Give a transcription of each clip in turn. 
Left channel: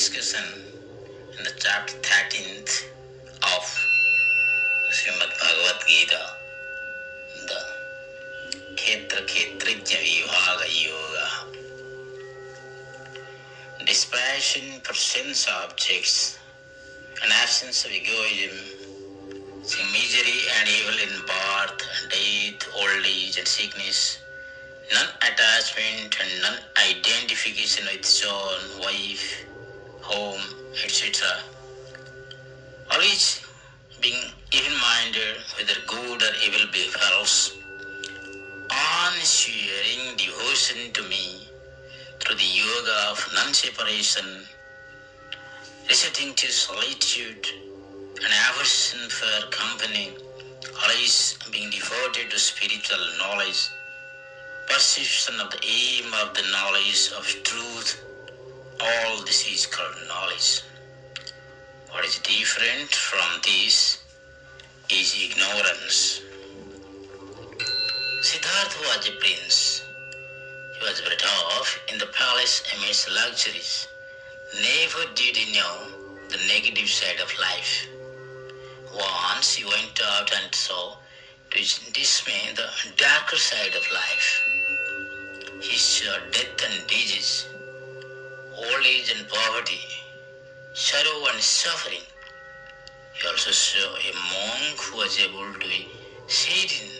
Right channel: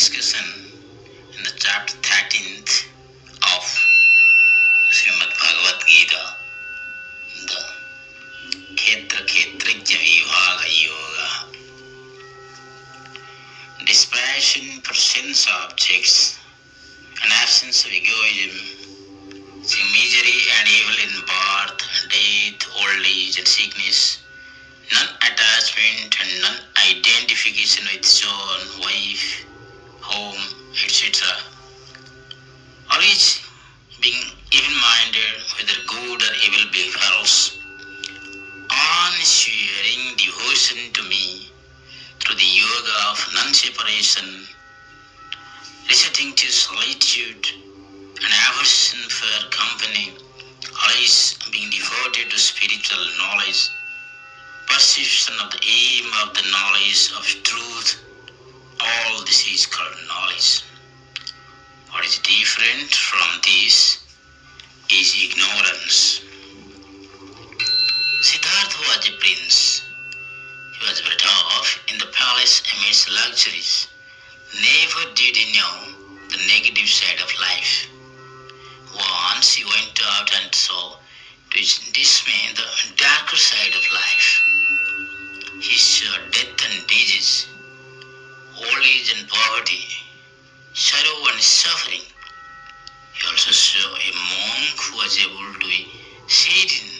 discussion in the chapter 13th of Srimad Bhagavad Gita, the Kshetra-Kshetrajya Vibhaga Yoga. Dispassion for sense objects and absence of egoism, seeing misery and evil in birth and death, old age and sickness, non-attachment and non-identification with son, wife, home, etc. Always being even-minded whether good or evil befalls, unswearing devotion to me through the yoga of non-separation, resorting to solitude and aversion for company, always being devoted to spiritual knowledge, perception of the aim of the knowledge of truth, all this is called knowledge. What is different from this is ignorance. Siddhartha was a prince. He was brought up in the palace amidst luxuries. Never did he know the negative side of life. Once he went out and saw, to his dismay, the darker side of life. He saw death and disease, old age and poverty, sorrow and suffering. He also saw a monk who was able to be seated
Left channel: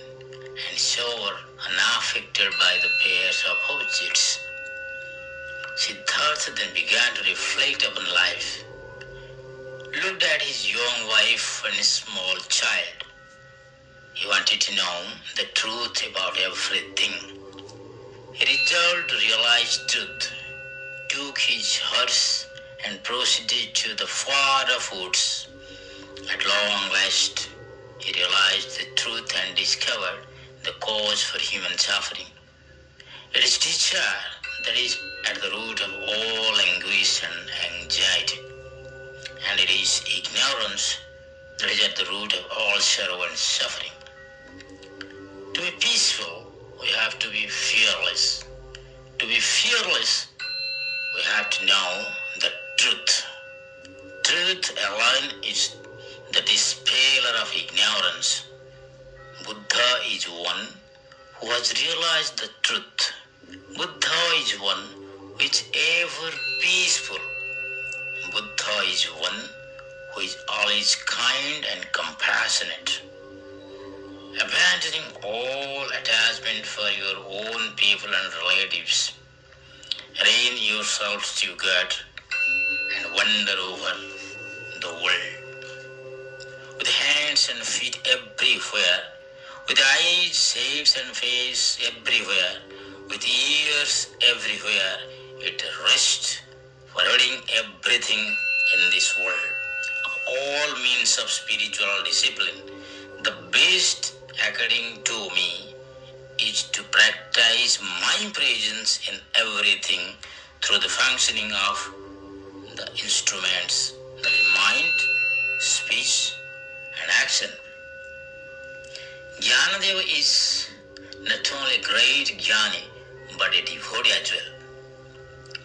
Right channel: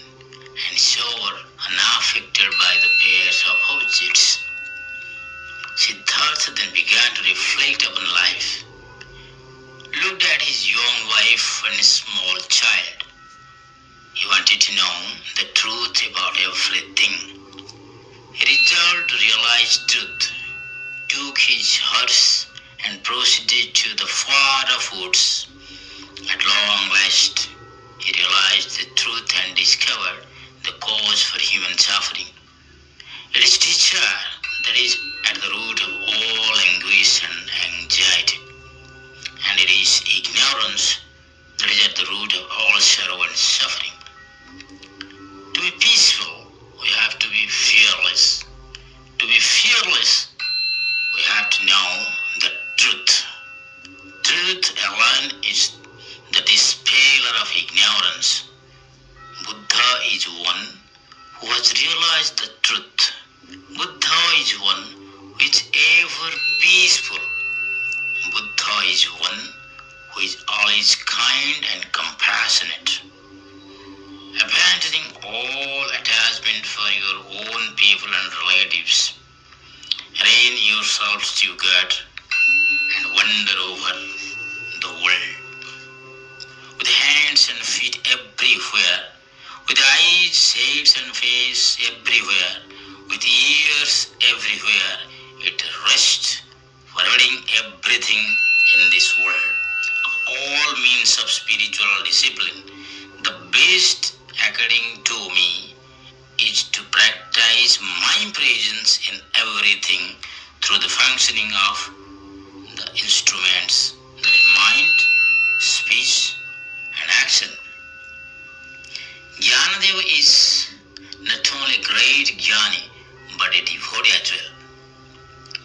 and sober, unaffected by the pairs of objects. Siddhartha then began to reflect upon life, looked at his young wife and his small child. He wanted to know the truth about everything. He resolved to realize truth, took his horse and proceeded to the far off woods. At long last, he realized the truth and discovered the cause for human suffering. It is desire that is at the root of all anguish and anxiety, and it is ignorance that is at the root of all sorrow and suffering. To be peaceful, we have to be fearless. To be fearless, we have to know the truth. Truth alone is the dispeller of ignorance. Buddha is one who has realized the truth. Buddha is one who is ever peaceful. Buddha is one who is always kind and compassionate. Abandoning all attachment for your own people and relatives, rein yourselves to God and wander over the world. With hands and feet everywhere, with eyes, heads and face everywhere, with ears everywhere, it rests, forwarding everything in this world. Of all means of spiritual discipline, the best, according to me, is to practice my presence in everything through the functioning of the instruments, that is mind, speech, and action. Jnanadeva is not only a great jnani, but a devotee as well.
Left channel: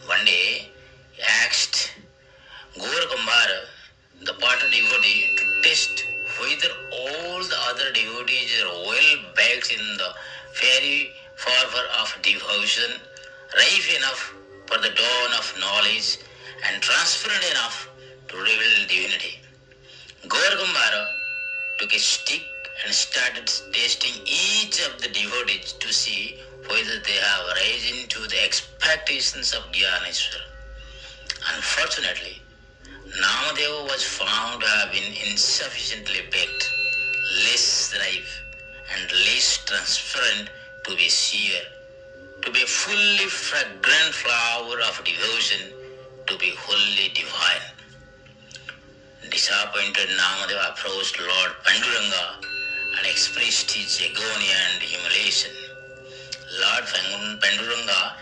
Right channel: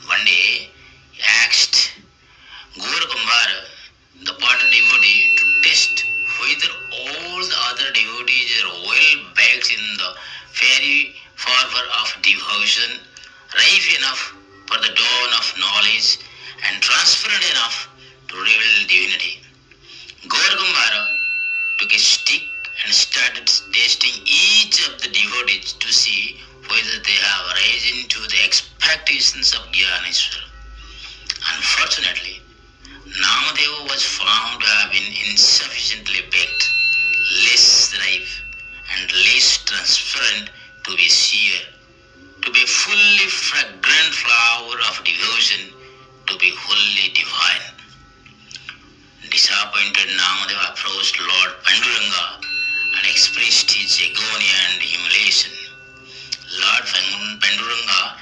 One day, he asked Gauragambhara, the Pata devotee, to test whether all the other devotees are well baked in the fiery fervor of devotion, ripe enough for the dawn of knowledge, and transparent enough to reveal divinity. Gauragambhara took a stick and started testing each of the devotees to see whether they have risen to the expectations of Gyaneshwara. Unfortunately, Namadeva was found to have been insufficiently baked, less ripe, and less transparent to be sheer, to be fully fragrant flower of devotion, to be wholly divine. Disappointed, Namadeva approached Lord Panduranga and expressed his agony and humiliation. Lord Panduranga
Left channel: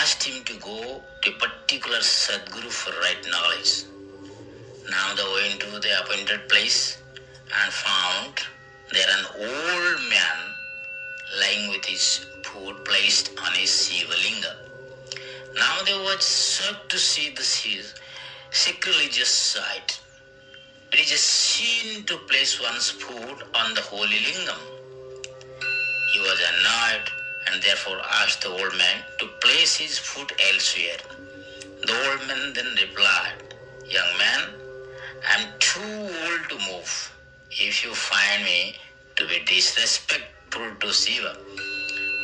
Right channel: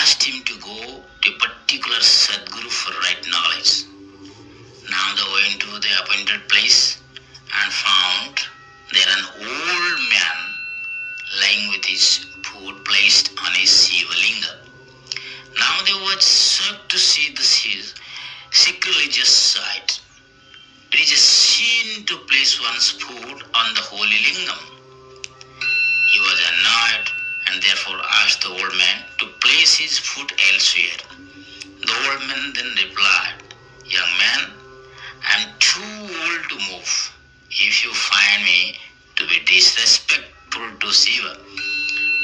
asked him to go to a particular Sadguru for right knowledge. Namadeva went to the appointed place and found there an old man lying with his foot placed on his Shiva Linga. Namadeva was shocked to see sacrilegious site. It is a sin to place one's foot on the holy lingam. He was annoyed and therefore asked the old man to place his foot elsewhere. The old man then replied, "Young man, I am too old to move. If you find me to be disrespectful to Shiva,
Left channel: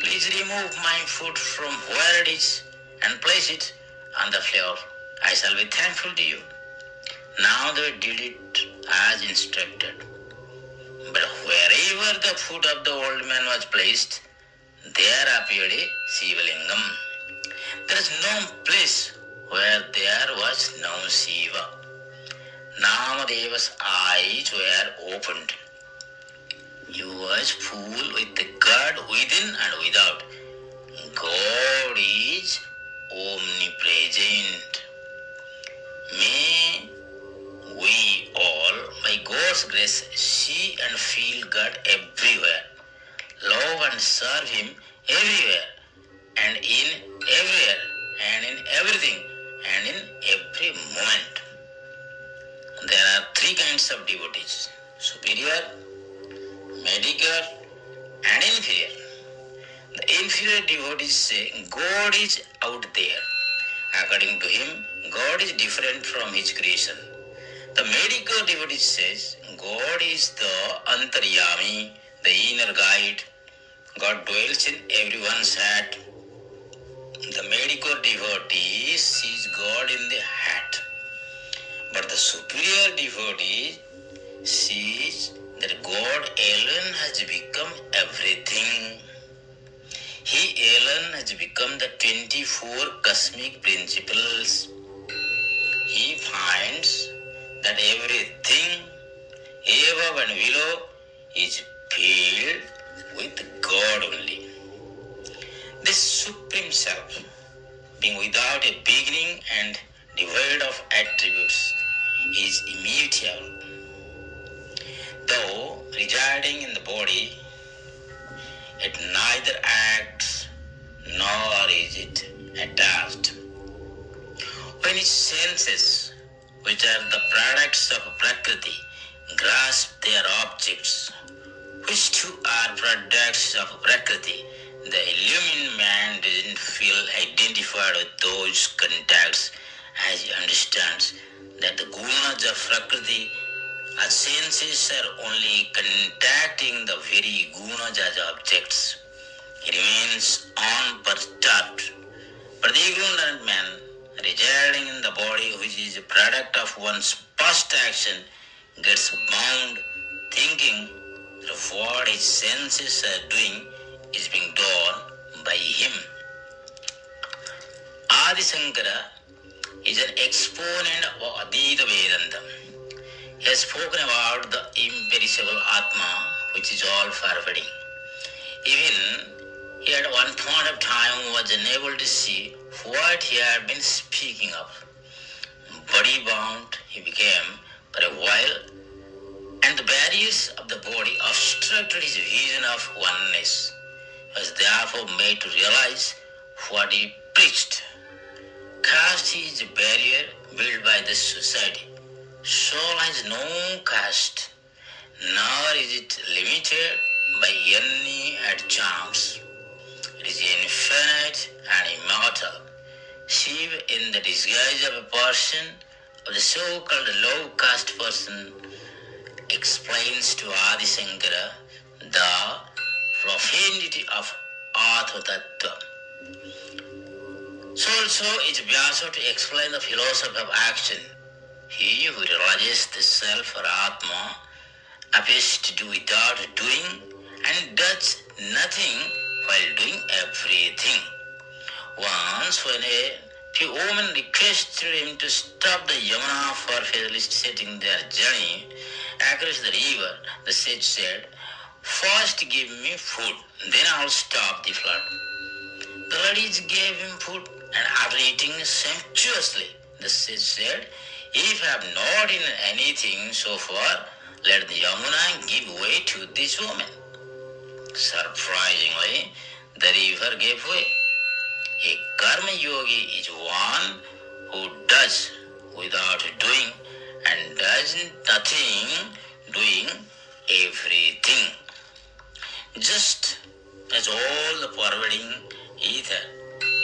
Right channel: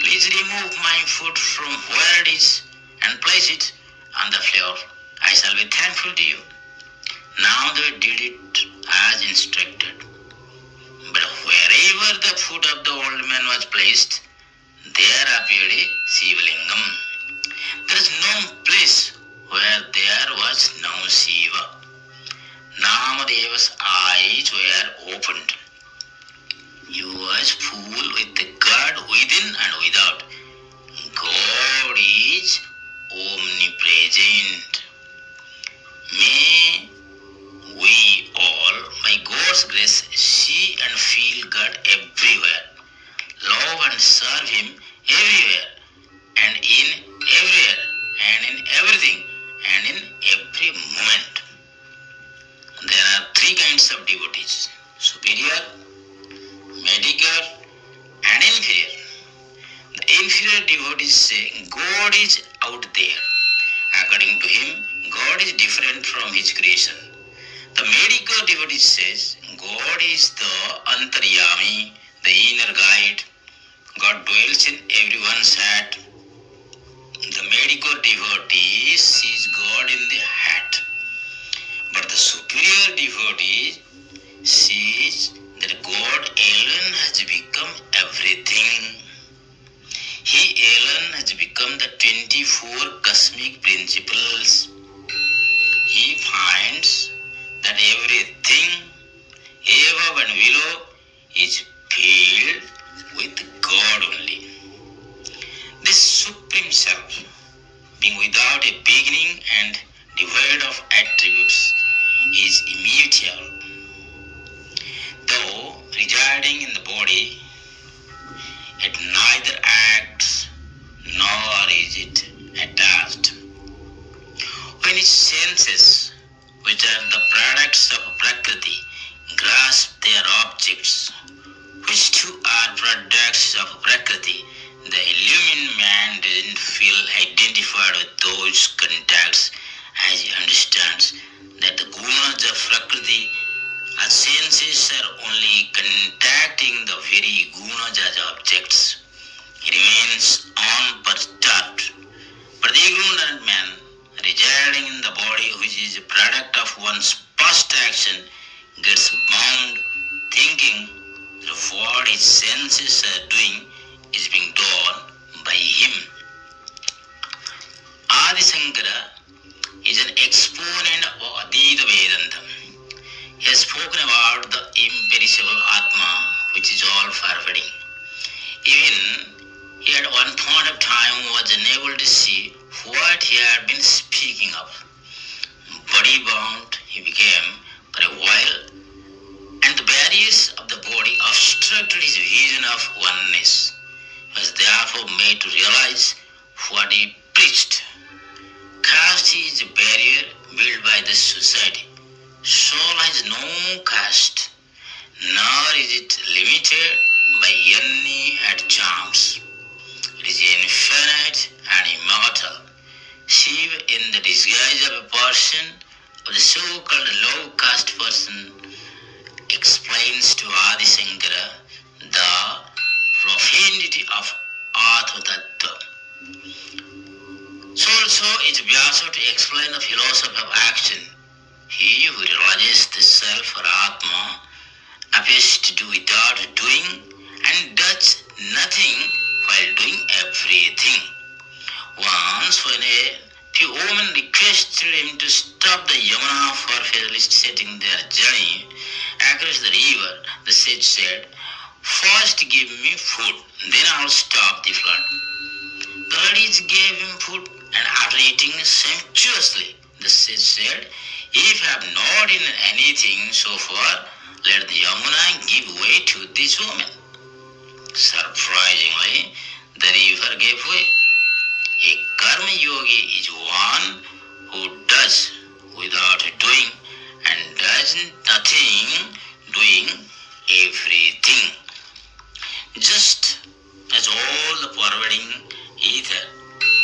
please remove my foot from where it is and place it on the floor. I shall be thankful to you." Now they did it as instructed. But wherever the foot of the old man was placed, there appeared a Shiva lingam. There is no place where there was no Shiva. Namadeva's eyes were opened. He was full with the God within and without. God is omnipresent. May we all, by God's grace, see and feel God everywhere, love and serve Him everywhere, and in everywhere, and in everything, and in every moment. There are three kinds of devotees: superior, mediocre, and inferior. The inferior devotees say God is out there. According to him, God is different from his creation. The mediocre devotee says God is the Antaryami, the inner guide. God dwells in everyone's heart. The mediocre devotee sees God in the heart. But the superior devotee sees that God alone has become everything. He alone has become the 24 cosmic principles. He finds that everything above and below is filled with God only. This Supreme Self, being without a beginning and devoid of attributes, is immutable. Though residing in the body, it neither acts nor is it attached. When its senses, which are the products of Prakriti, grasp their objects, which too are products of Prakriti, the illumined man doesn't feel identified with those contacts, as he understands that the gunas of Prakriti, our senses, are only contacting the very gunas as objects. He remains unperturbed. But the ignorant man, residing in the body which is a product of one's past action, gets bound, thinking that what his senses are doing is being done by him. Adi Shankara is an exponent of Advaita Vedanta. He has spoken about the imperishable Atma, which is all pervading. Even he at one point of time was unable to see what he had been speaking of. Body bound he became for a while, and the barriers of the body obstructed his vision of oneness. He was therefore made to realize what he preached. Caste is a barrier built by the society. Soul has no caste, nor is it limited by any chance. It is infinite and immortal. Shiva, in the disguise of a person of the so-called low caste person, explains to Adi Shankara the profundity of Atma Tattva. So also it Vyasa to explain the philosophy of action. He who realizes the self or Atma appears to do without doing and does nothing while doing everything. Once when a few women requested him to stop the Yamuna for facilitating their journey across the river, the sage said, "First give me food, then I'll stop the flood." The ladies gave him food, and after eating sumptuously, the sage said, "If you have not eaten anything so far, let the Yamuna give way to this woman." Surprisingly, the river gave way. A karma yogi is one who does without doing, and does nothing doing everything. Just as all the pervading ether,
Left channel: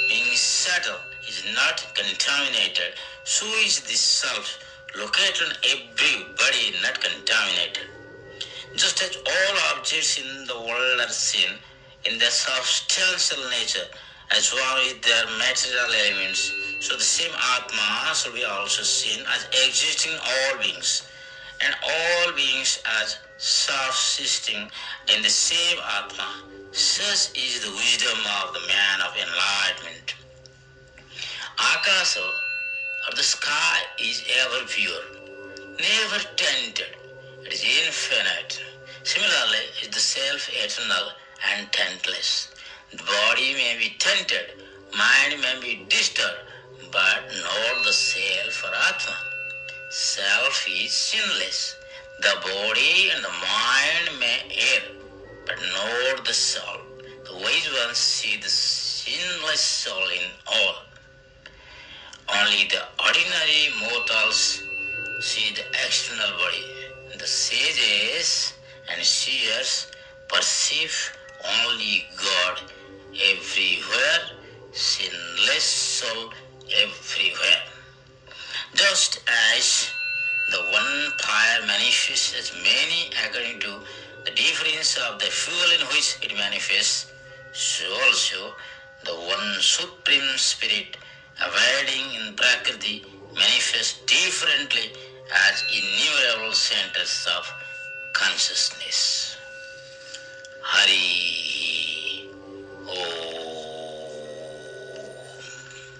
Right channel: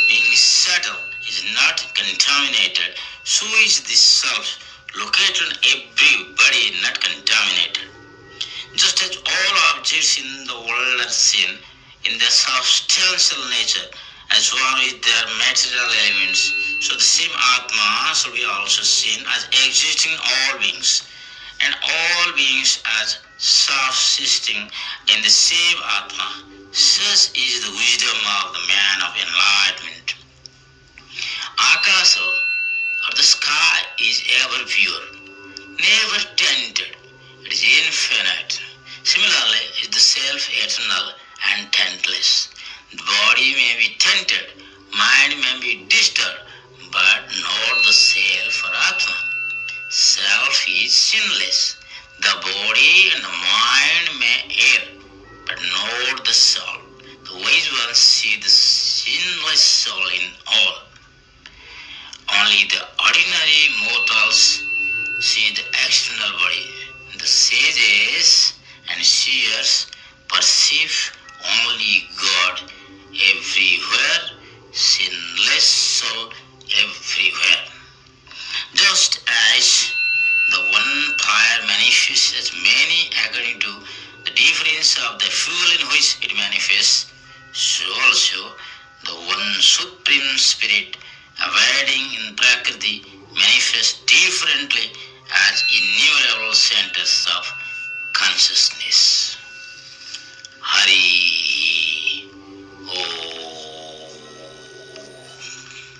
being subtle, is not contaminated, so is this self located in every body not contaminated. Just as all objects in the world are seen in their substantial nature as one with their material elements, so the same Atma shall be also seen as existing all beings, and all beings as subsisting in the same Atma. Such is the wisdom of the man of enlightenment. Akasa, or the sky, is ever pure, never tainted. It is infinite. Similarly, is the self eternal and taintless. The body may be tainted, mind may be disturbed, but not the self or Atma. Self is sinless. The body and the mind may err, but not the soul. The wise ones see the sinless soul in all. Only the ordinary mortals see the external body. The sages and seers perceive only God everywhere, sinless soul everywhere. Just as the one fire manifests as many according to the difference of the fuel in which it manifests, so also the one supreme spirit abiding in Prakriti manifests differently as innumerable centers of consciousness. Hari